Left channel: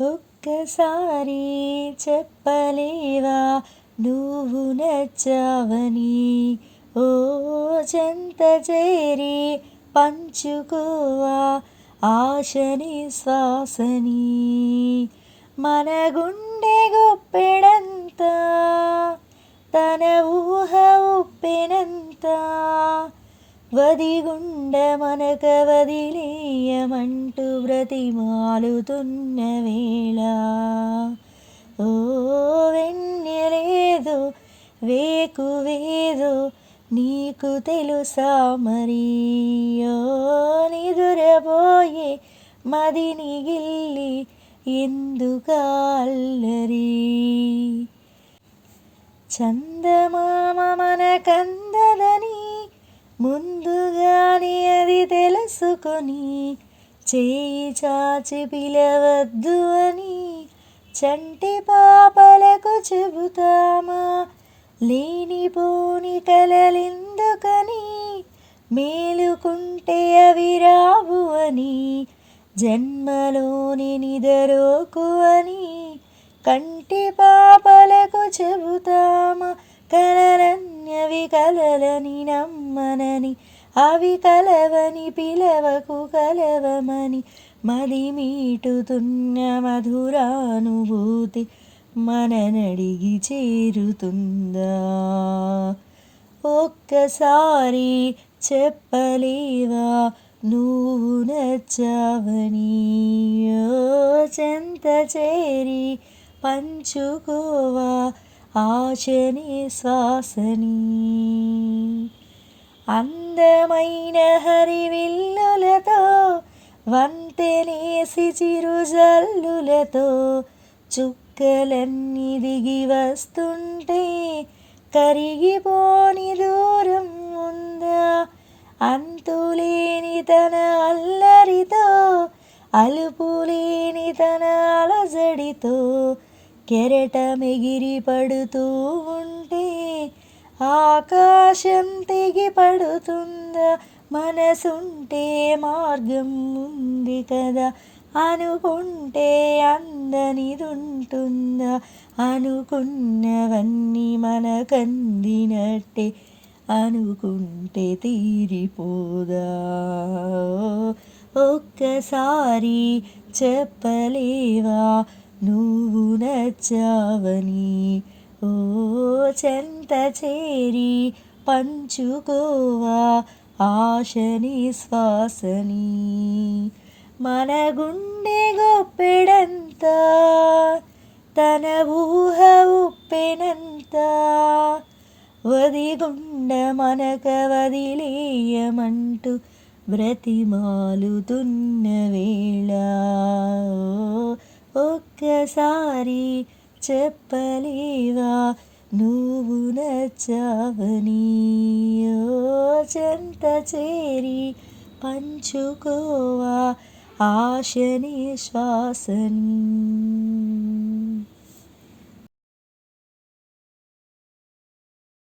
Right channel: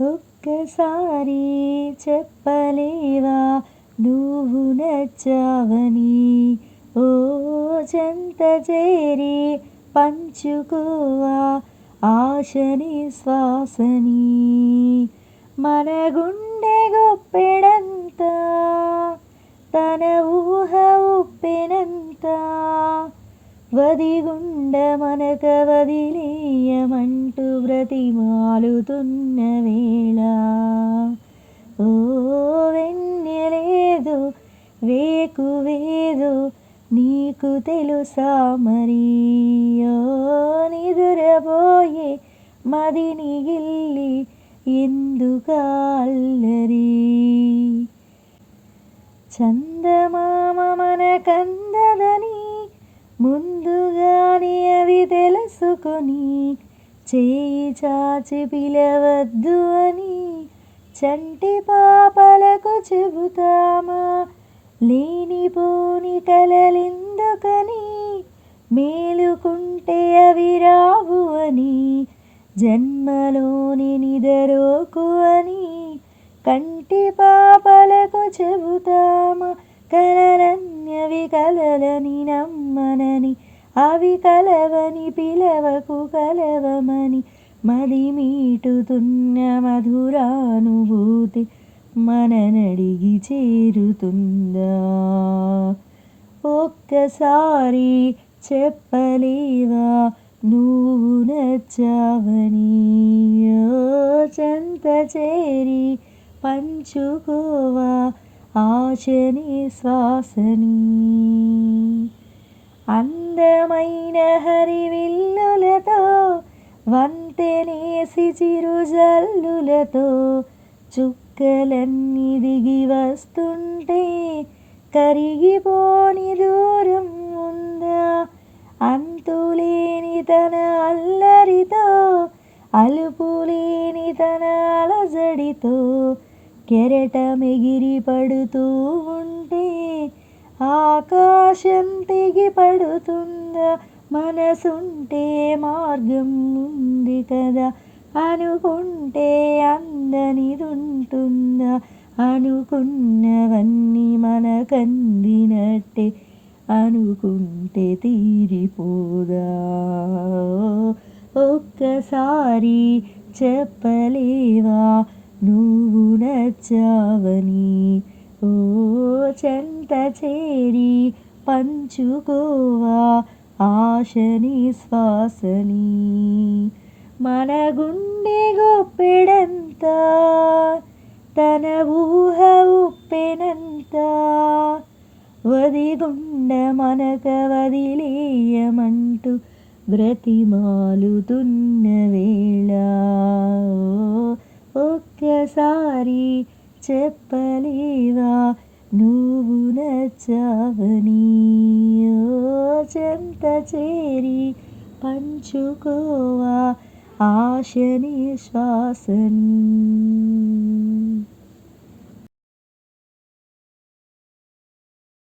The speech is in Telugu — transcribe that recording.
ఒక్కసారి చెప్పలేవా నువ్వు నచ్చావని, ఓ చెంత చేరి పంచుకోవా ఆశని శ్వాసని. మన గుండె గుప్పెడంతా తన ఊహ ఉప్పెనంతా, వదిగుండ మనక వదిలేయమంటూ బ్రతిమాలుతున్న వేళ, ఓ వెన్నెలేదో వేకువేదో నీకు తెలుసా మరి, ఓ నిదురబోయే మదిని గిల్లి ఎందుకాల్లరి. చందమామ మనకందదని ముందుగానే అది తెలుసుకొని, చేయి చాచి పిలవద్దు అని చంటి పాపలకు చెబుతామా, లేనిపోని కలలెందుకని మేలుకుంటే అవి రావు అని, జన్మలోని నిదరోకు అని కంటి పాపలకు చెబుతామా, కలలన్నవి కలలని నమ్మనని, అవి కలవని పిలవకు కలవమని, మది మీటుతున్న మధురానుభూతి మననడిగి చేరుతుందా, ఒక్కసారి చెప్పలేవా నువ్వు నచ్చావని, ఓ చెంత చేరి పంచుకోవా ఆశని శ్వాసని. అందమైన హరివిల్లులతో వంతెనేసి చిరుజల్లులతో చుక్కలన్నీ దిగి వస్తుంటే కరిగిపోని దూరం ఉందా, అంతులేని తన అల్లరితో అలుపులేని తన అలజడితో కెరటమెగిరి పడుతూ ఉంటే ఆకాశం తెగి పడుతుందా, మనసుంటే మార్గం ఉంది కదా, అనుకుంటే అందనిదుంటుందా, అనుకున్నవన్నీ మనకందినట్టే అనుకుంటే తీరిపోదా, ఒక్కసారి చెప్పలేవా నువ్వు నచ్చావని, ఓ చెంత చేరి పంచుకోవా ఆశని శ్వాసని. మన గుండె గుప్పెడంతా తన ఊహ ఉప్పెనంతా, వదిగుండ మనక వదిలేయమంటూ బ్రతిమాలుతున్న వేళ, ఒక్కసారి చెప్పలేవా నువ్వు నచ్చావని, ఓ చెంత చేరి పంచుకోవా ఆశని శ్వాసని.